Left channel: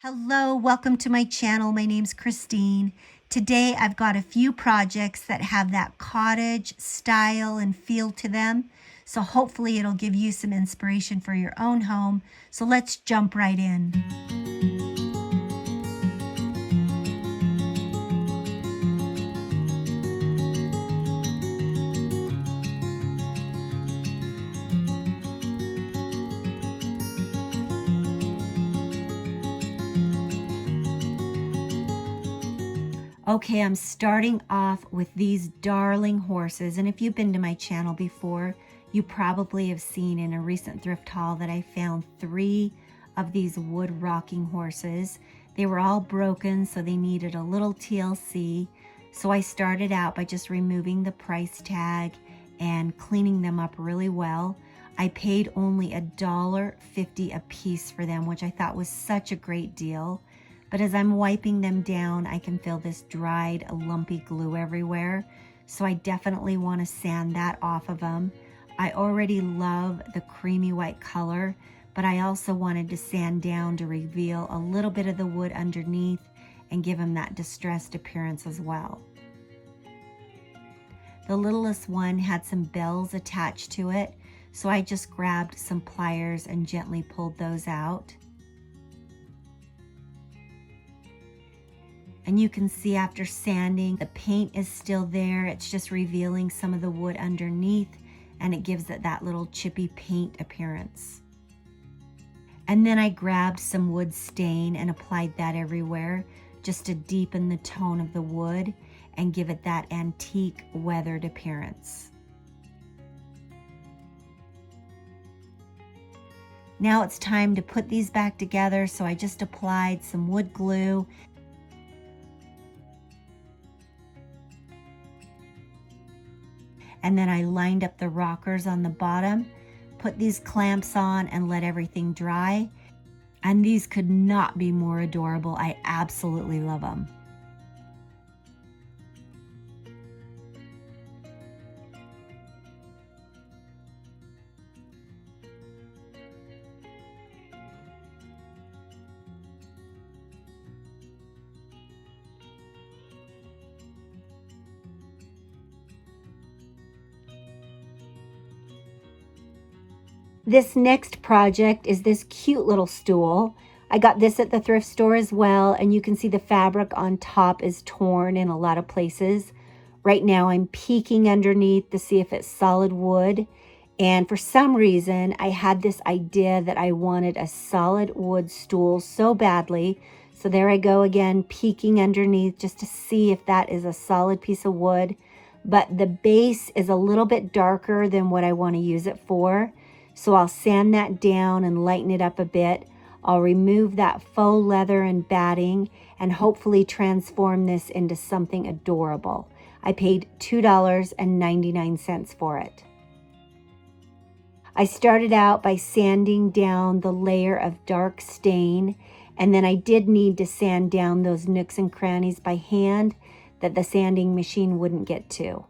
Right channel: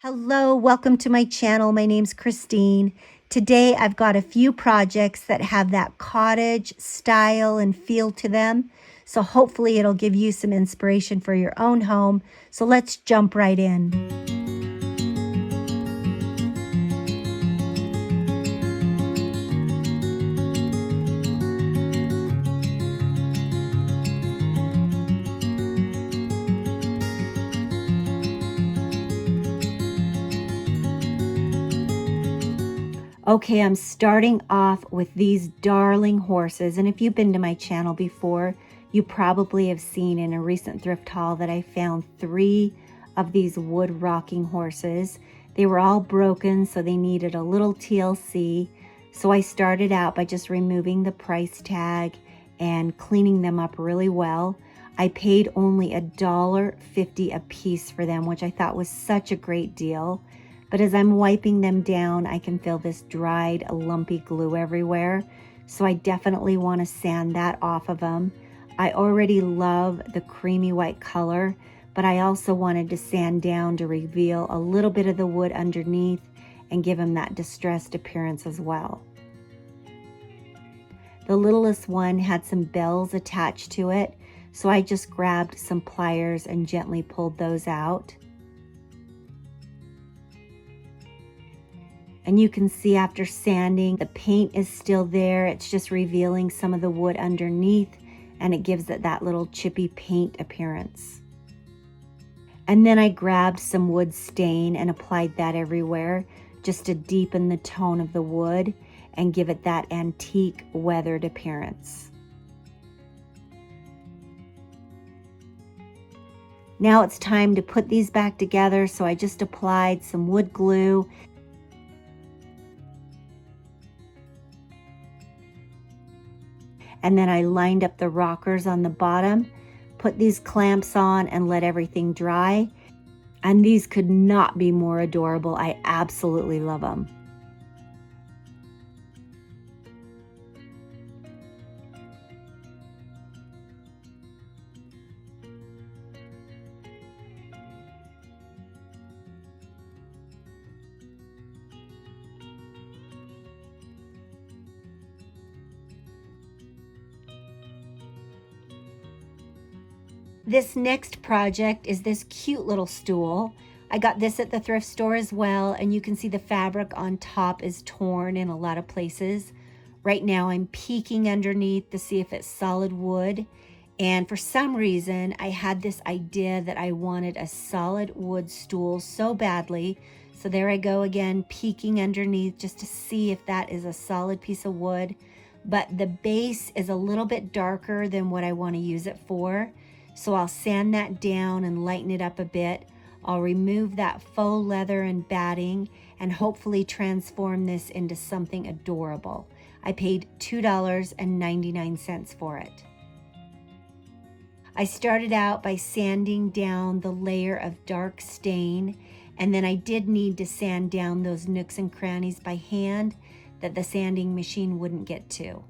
Hello, welcome to my channel. My name's Christine. Today I've got a few projects that have that cottage style and feel to them. So hopefully it'll give you some inspiration for your own home. So let's jump right in. Okay, I'm starting off with these darling horses. And if you've been to my channel before, you probably have seen in a recent thrift haul that I found 3 of these wood rocking horses. They were all broken, so they needed a little TLC. So I started out by just removing the price tag and cleaning them up really well. I paid only $1.50 a piece for them, which I thought was such a great deal. But as I'm wiping them down, I can feel this dried, lumpy glue everywhere. So I definitely want to sand that off of them. I already love the creamy white color, but I also wanted to sand down to reveal a little bit of the wood underneath and give them that distressed appearance as well. The littlest one had some bells attached to it, so I just grabbed some pliers and gently pulled those out. And you can see after sanding, the paint is still there. It's just revealing some of the wood underneath, and it gives it that little chippy paint appearance. And then I grabbed some wood stain and applied that everywhere just to deepen the tone of the wood and give it that antique weathered appearance. Now it's time to put these back together, so I just applied some wood glue. And then I lined up the rockers on the bottom, put these clamps on and let everything dry. And these could not be more adorable. I absolutely love them. This next project is this cute little stool. I got this at the thrift store as well, and you can see the fabric on top is torn in a lot of places. Right now I'm peeking underneath to see if it's solid wood, and for some reason I had this idea that I wanted a solid wood stool so badly. So there I go again, peeking underneath just to see if that is a solid piece of wood. But the base is a little bit darker than what I want to use it for. So I'll sand that down and lighten it up a bit. I'll remove that faux leather and batting and hopefully transform this into something adorable. I paid $2.99 for it. I started out by sanding down the layer of dark stain, and then I did need to sand down those nooks and crannies by hand that the sanding machine wouldn't get to.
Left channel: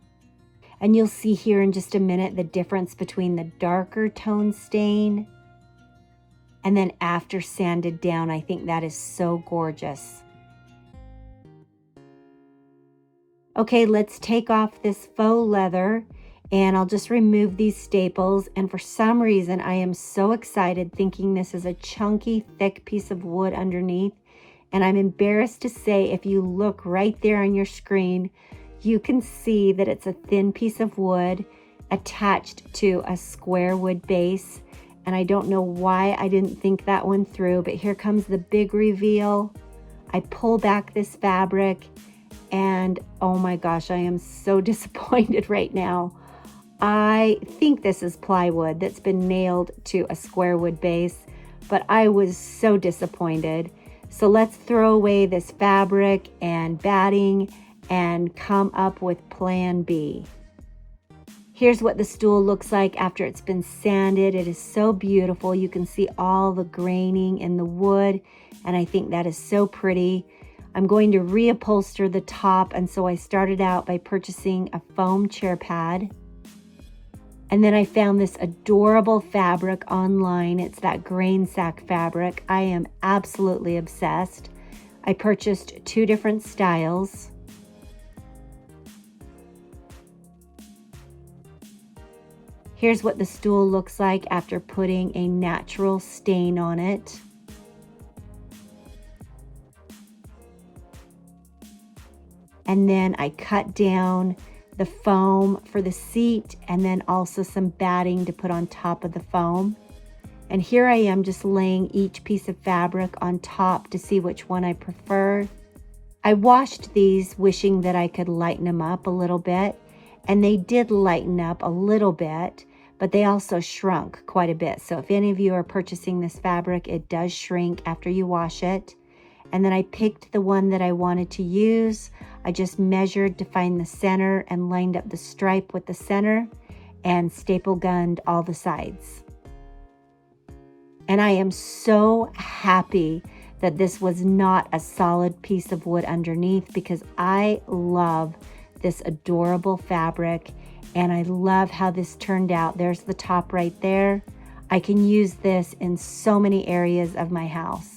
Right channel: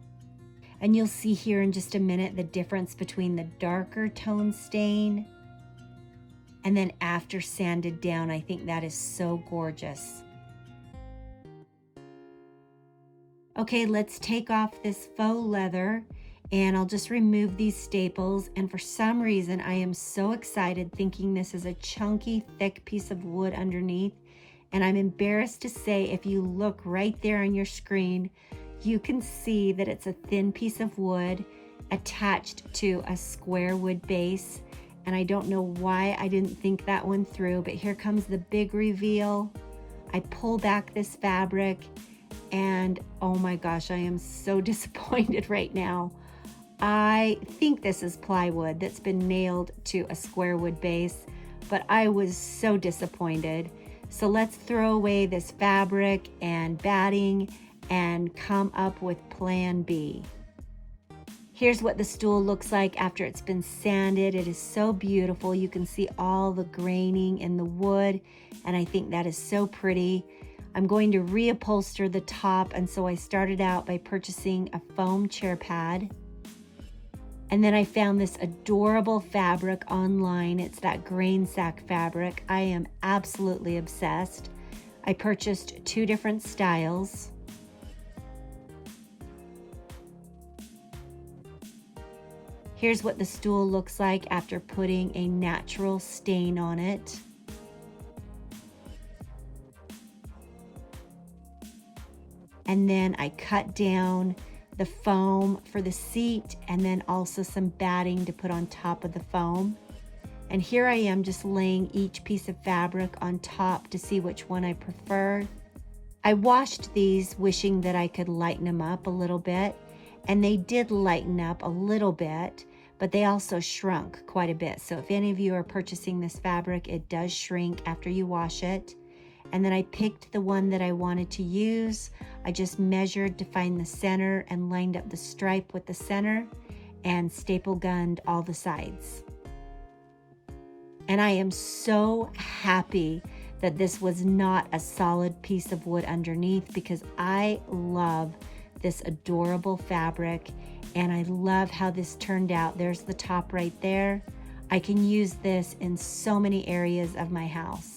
And you'll see here in just a minute the difference between the darker tone stain and then after sanded down. I think that is so gorgeous. Okay, let's take off this faux leather and I'll just remove these staples. And for some reason, I am so excited thinking this is a chunky, thick piece of wood underneath. And I'm embarrassed to say, if you look right there on your screen, you can see that it's a thin piece of wood attached to a square wood base. And I don't know why I didn't think that one through, but here comes the big reveal. I pull back this fabric and oh my gosh, I am so disappointed right now. I think this is plywood that's been nailed to a square wood base, but I was so disappointed. So let's throw away this fabric and batting and come up with plan B. Here's what the stool looks like after it's been sanded. It is so beautiful. You can see all the graining in the wood, and I think that is so pretty. I'm going to reupholster the top, and so I started out by purchasing a foam chair pad. And then I found this adorable fabric online. It's that grain sack fabric. I am absolutely obsessed. I purchased 2 different styles. Here's what the stool looks like after putting a natural stain on it. And then I cut down the foam for the seat and then also some batting to put on top of the foam. And here I am just laying each piece of fabric on top to see which one I prefer. I washed these wishing that I could lighten them up a little bit, and they did lighten up a little bit, but they also shrunk quite a bit. So if any of you are purchasing this fabric, it does shrink after you wash it. And then I picked the one that I wanted to use. I just measured to find the center and lined up the stripe with the center and staple gunned all the sides. And I am so happy that this was not a solid piece of wood underneath, because I love this adorable fabric and I love how this turned out. There's the top right there. I can use this in so many areas of my house.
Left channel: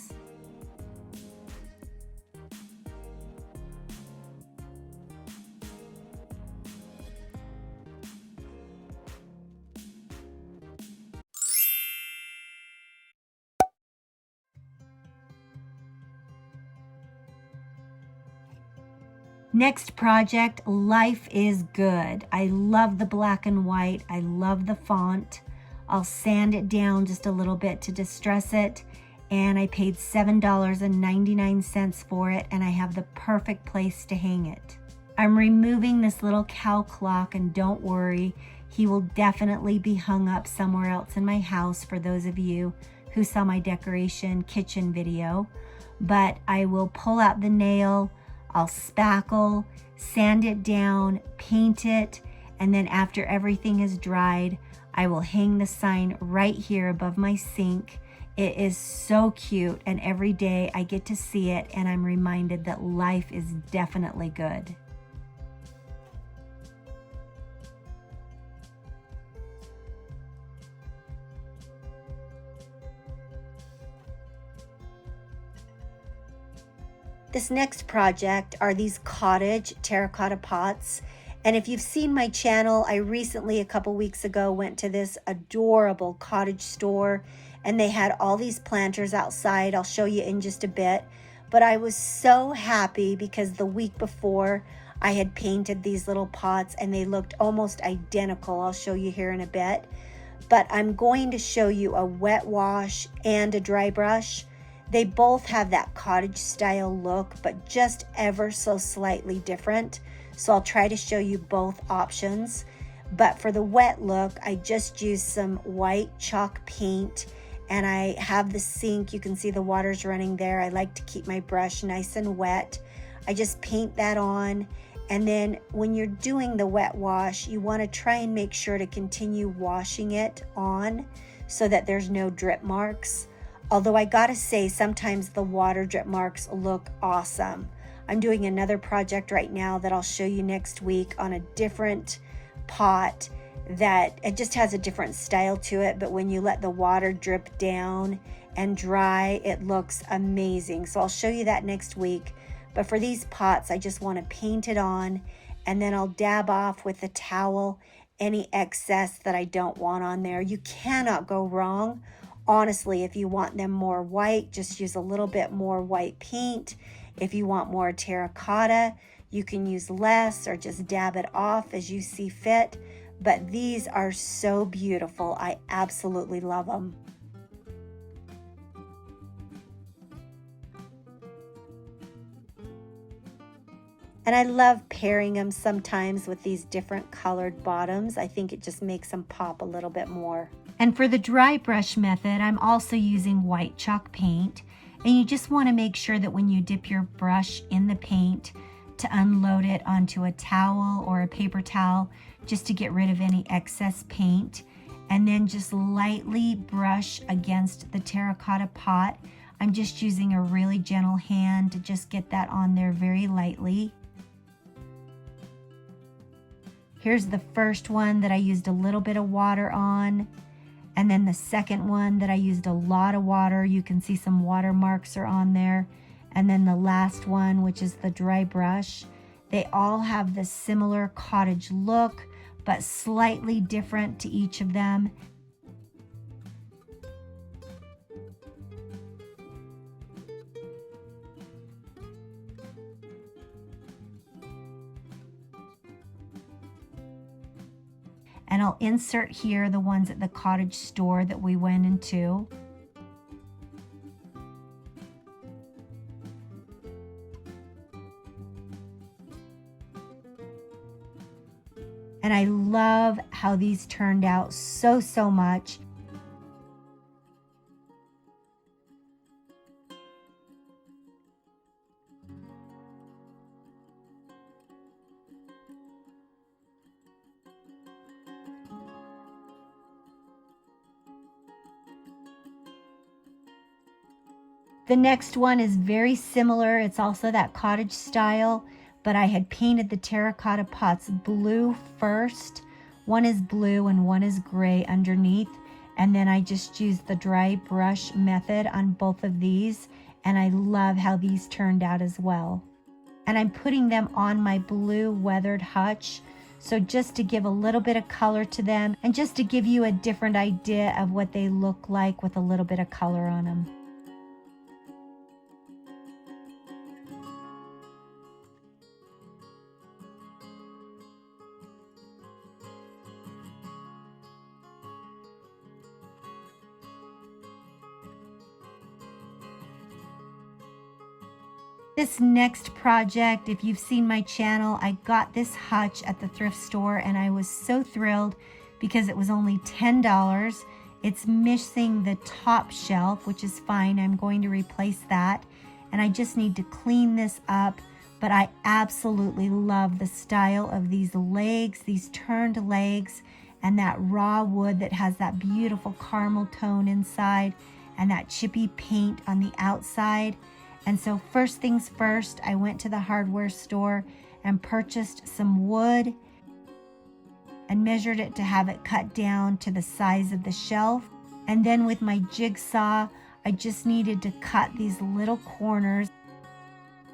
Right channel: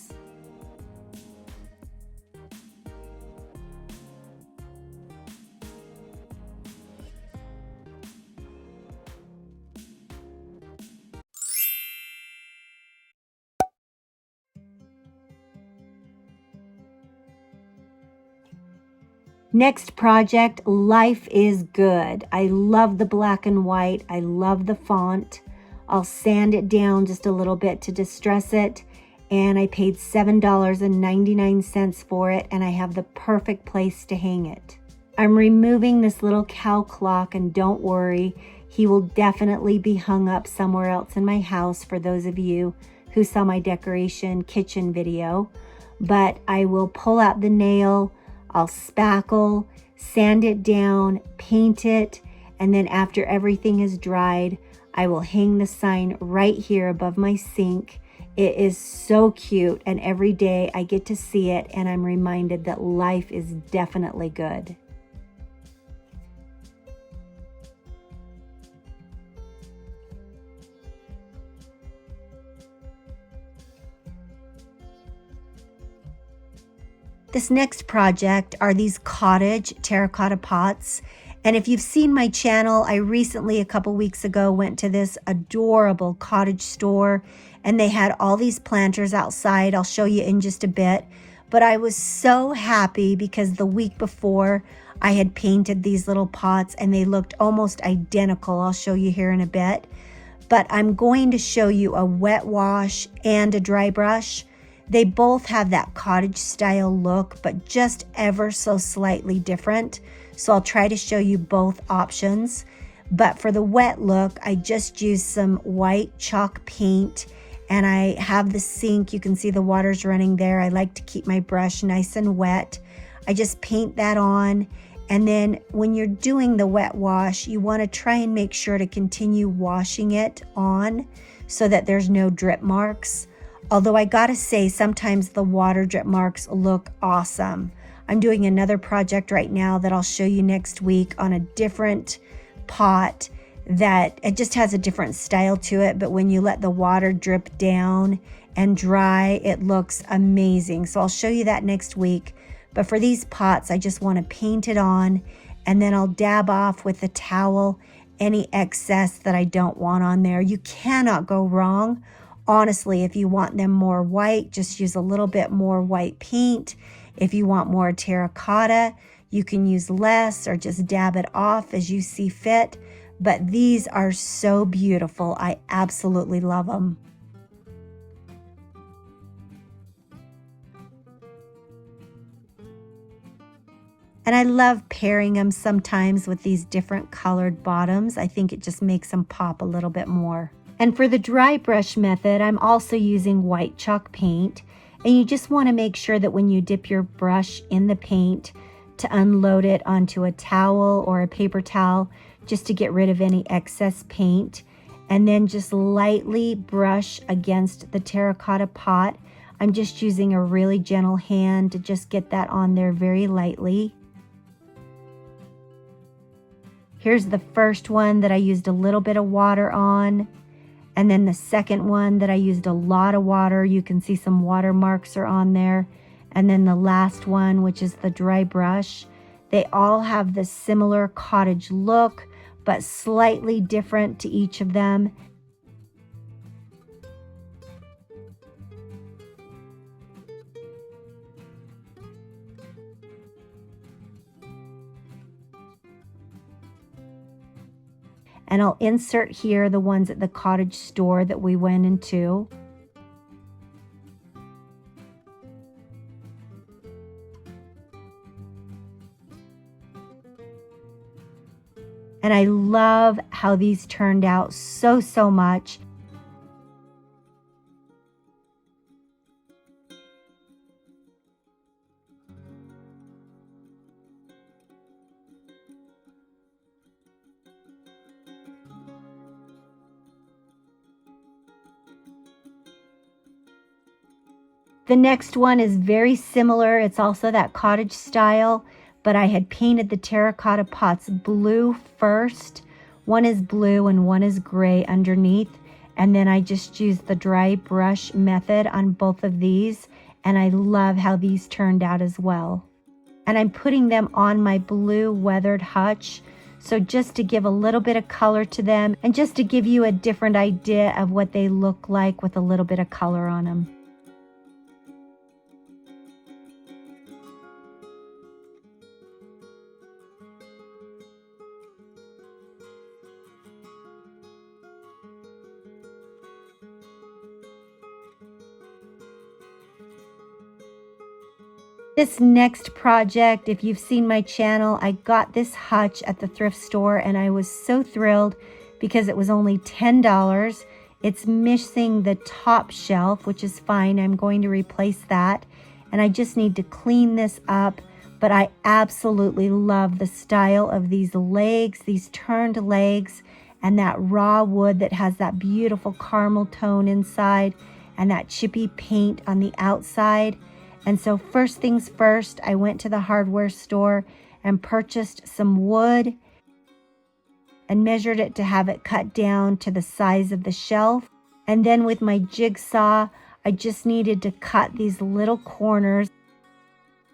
Next project, Life is Good. I love the black and white. I love the font. I'll sand it down just a little bit to distress it. And I paid $7.99 for it, and I have the perfect place to hang it. I'm removing this little cow clock, and don't worry, he will definitely be hung up somewhere else in my house for those of you who saw my decoration kitchen video. But I will pull out the nail, I'll spackle, sand it down, paint it, and then after everything is dried, I will hang the sign right here above my sink. It is so cute, and every day I get to see it and I'm reminded that life is definitely good. This next project are these cottage terracotta pots. And if you've seen my channel, I recently, a couple weeks ago, went to this adorable cottage store and they had all these planters outside. I'll show you in just a bit. But I was so happy because the week before I had painted these little pots and they looked almost identical. I'll show you here in a bit. But I'm going to show you a wet wash and a dry brush. They both have that cottage style look, but just ever so slightly different. So I'll try to show you both options. But for the wet look, I just used some white chalk paint and I have the sink. You can see the water's running there. I like to keep my brush nice and wet. I just paint that on. And then when you're doing the wet wash, you want to try and make sure to continue washing it on so that there's no drip marks. Although I gotta say, sometimes the water drip marks look awesome. I'm doing another project right now that I'll show you next week on a different pot that it just has a different style to it, but when you let the water drip down and dry, it looks amazing. So I'll show you that next week. But for these pots, I just want to paint it on and then I'll dab off with a towel any excess that I don't want on there. You cannot go wrong. Honestly, if you want them more white, just use a little bit more white paint. If you want more terracotta, you can use less or just dab it off as you see fit. But these are so beautiful. I absolutely love them. And I love pairing them sometimes with these different colored bottoms. I think it just makes them pop a little bit more. And for the dry brush method, I'm also using white chalk paint. And you just want to make sure that when you dip your brush in the paint to unload it onto a towel or a paper towel, just to get rid of any excess paint. And then just lightly brush against the terracotta pot. I'm just using a really gentle hand to just get that on there very lightly. Here's the first one that I used a little bit of water on. And then the second one that I used a lot of water. You can see some water marks are on there. And then the last one, which is the dry brush. They all have the similar cottage look, but slightly different to each of them. And I'll insert here the ones at the cottage store that we went into. And I love how these turned out so much. The next one is very similar. It's also that cottage style, but I had painted the terracotta pots blue first. One is blue and one is gray underneath. And then I just used the dry brush method on both of these. And I love how these turned out as well. And I'm putting them on my blue weathered hutch. So just to give a little bit of color to them and just to give you a different idea of what they look like with a little bit of color on them. This next project, if you've seen my channel, I got this hutch at the thrift store and I was so thrilled because it was only $10. It's missing the top shelf, which is fine. I'm going to replace that. And I just need to clean this up. But I absolutely love the style of these legs, these turned legs, and that raw wood that has that beautiful caramel tone inside and that chippy paint on the outside. And so first things first, I went to the hardware store and purchased some wood and measured it to have it cut down to the size of the shelf. And then with my jigsaw, I just needed to cut these little corners.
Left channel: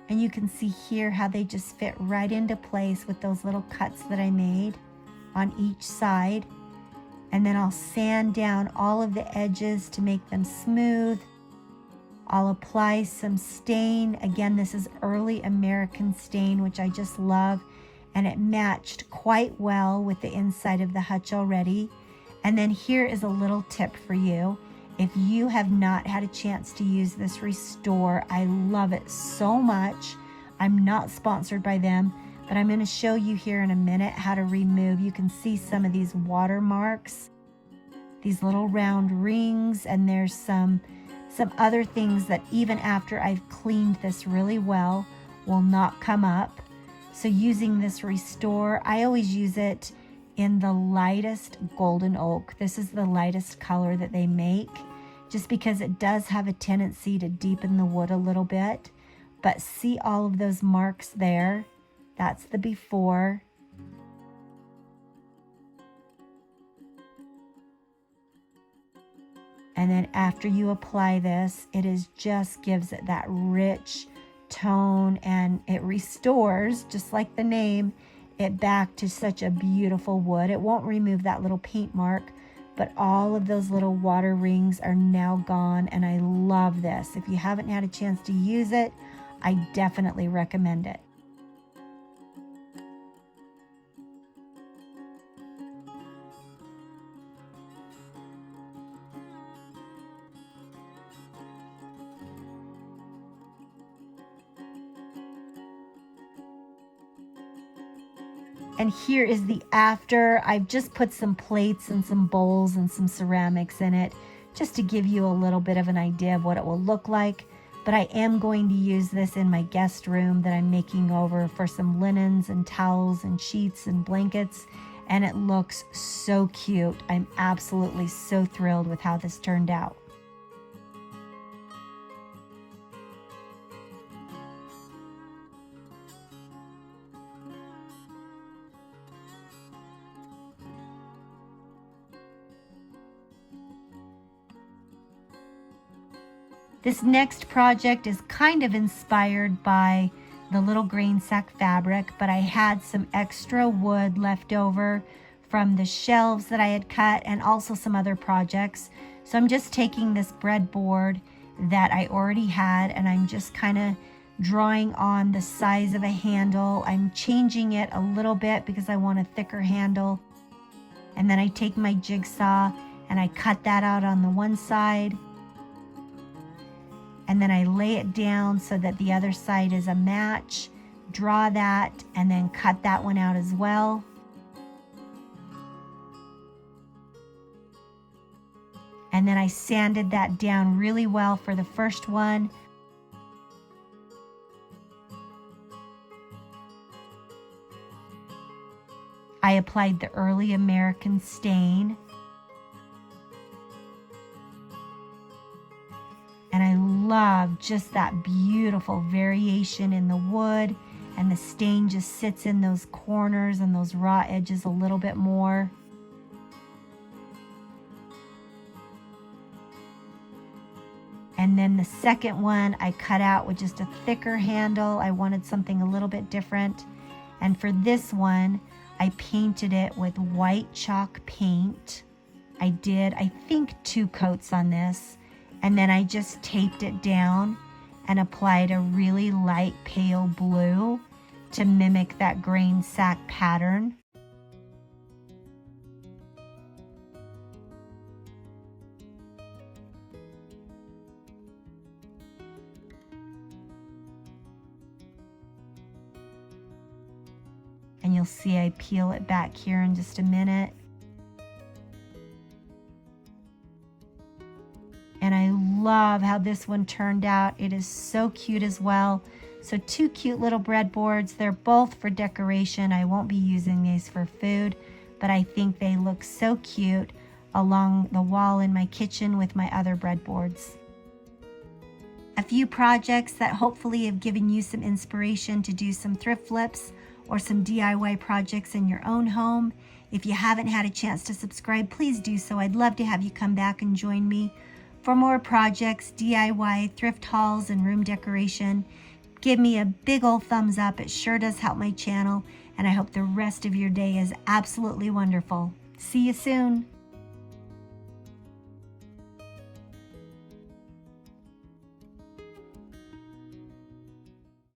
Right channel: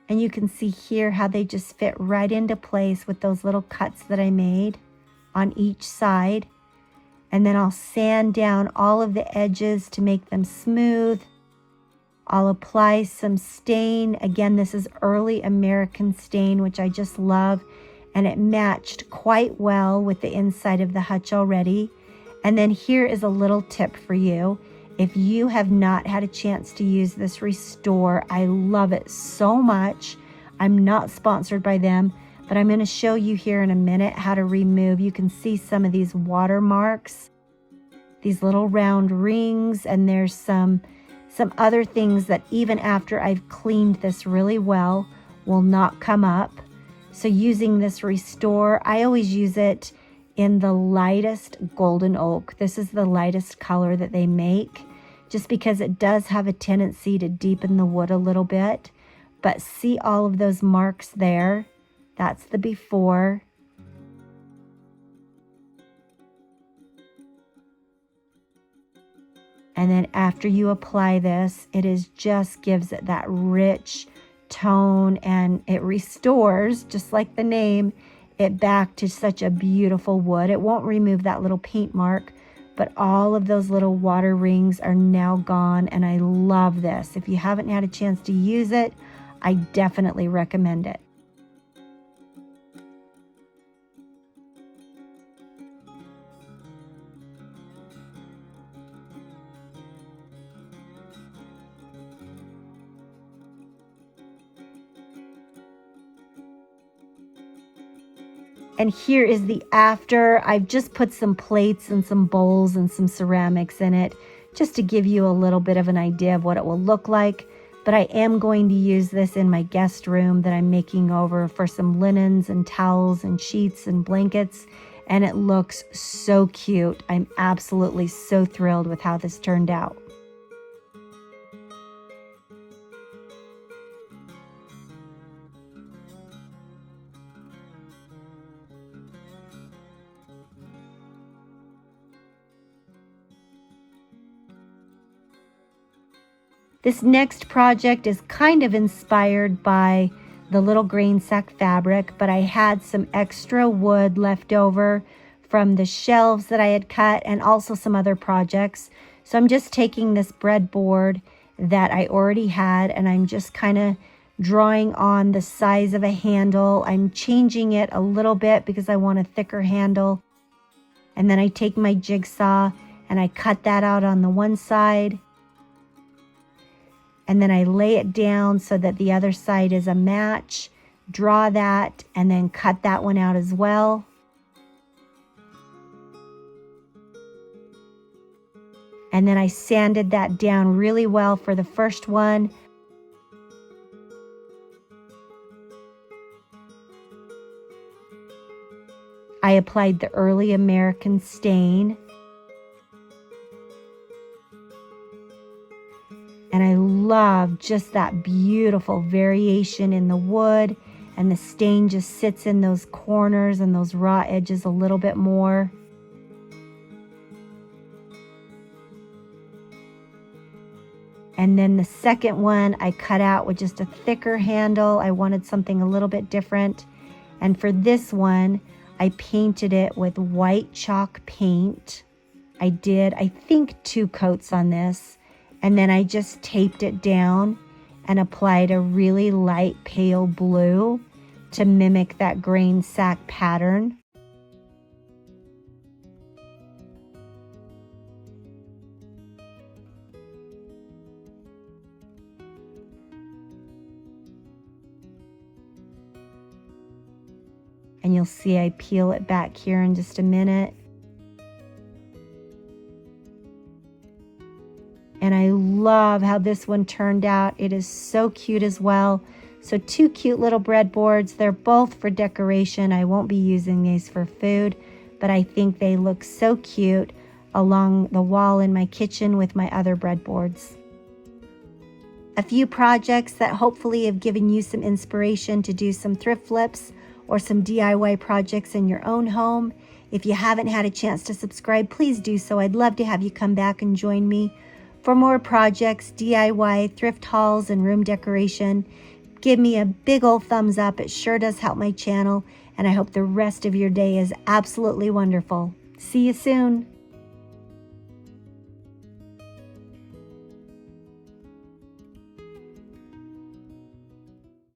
And you can see here how they just fit right into place with those little cuts that I made on each side. And then I'll sand down all of the edges to make them smooth. I'll apply some stain. Again, this is early American stain, which I just love. And it matched quite well with the inside of the hutch already. And then here is a little tip for you. If you have not had a chance to use this Restore, I love it so much. I'm not sponsored by them, but I'm going to show you here in a minute how to remove. You can see some of these watermarks, these little round rings, and there's some other things that even after I've cleaned this really well will not come up. So using this Restore, I always use it in the lightest golden oak. This is the lightest color that they make, just because it does have a tendency to deepen the wood a little bit. But see all of those marks there? That's the before. And then after you apply this, just gives it that rich tone, and it restores, just like the name, it back to such a beautiful wood. It won't remove that little paint mark, but all of those little water rings are now gone, and I love this. If you haven't had a chance to use it, I definitely recommend it. And here is the after. I've just put some plates and some bowls and some ceramics in it just to give you a little bit of an idea of what it will look like. But I am going to use this in my guest room that I'm making over for some linens and towels and sheets and blankets. And it looks so cute. I'm absolutely so thrilled with how this turned out. This next project is kind of inspired by the little grain sack fabric, but I had some extra wood left over from the shelves that I had cut and also some other projects. So I'm just taking this breadboard that I already had and I'm just kind of drawing on the size of a handle. I'm changing it a little bit because I want a thicker handle. And then I take my jigsaw and I cut that out on the one side. And then I lay it down so that the other side is a match. Draw that and then cut that one out as well. And then I sanded that down really well for the first one. I applied the early American stain. And I love just that beautiful variation in the wood, and the stain just sits in those corners and those raw edges a little bit more. And then the second one I cut out with just a thicker handle. I wanted something a little bit different. And for this one, I painted it with white chalk paint. I did, I think, 2 coats on this. And then I just taped it down and applied a really light pale blue to mimic that grain sack pattern. And you'll see I peel it back here in just a minute. And I love how this one turned out. It is so cute as well. So 2 cute little breadboards. They're both for decoration. I won't be using these for food, but I think they look so cute along the wall in my kitchen with my other breadboards. A few projects that hopefully have given you some inspiration to do some thrift flips or some DIY projects in your own home. If you haven't had a chance to subscribe, please do so. I'd love to have you come back and join me for more projects, DIY, thrift hauls, and room decoration. Give me a big old thumbs up. It sure does help my channel, and I hope the rest of your day is absolutely wonderful. See you soon.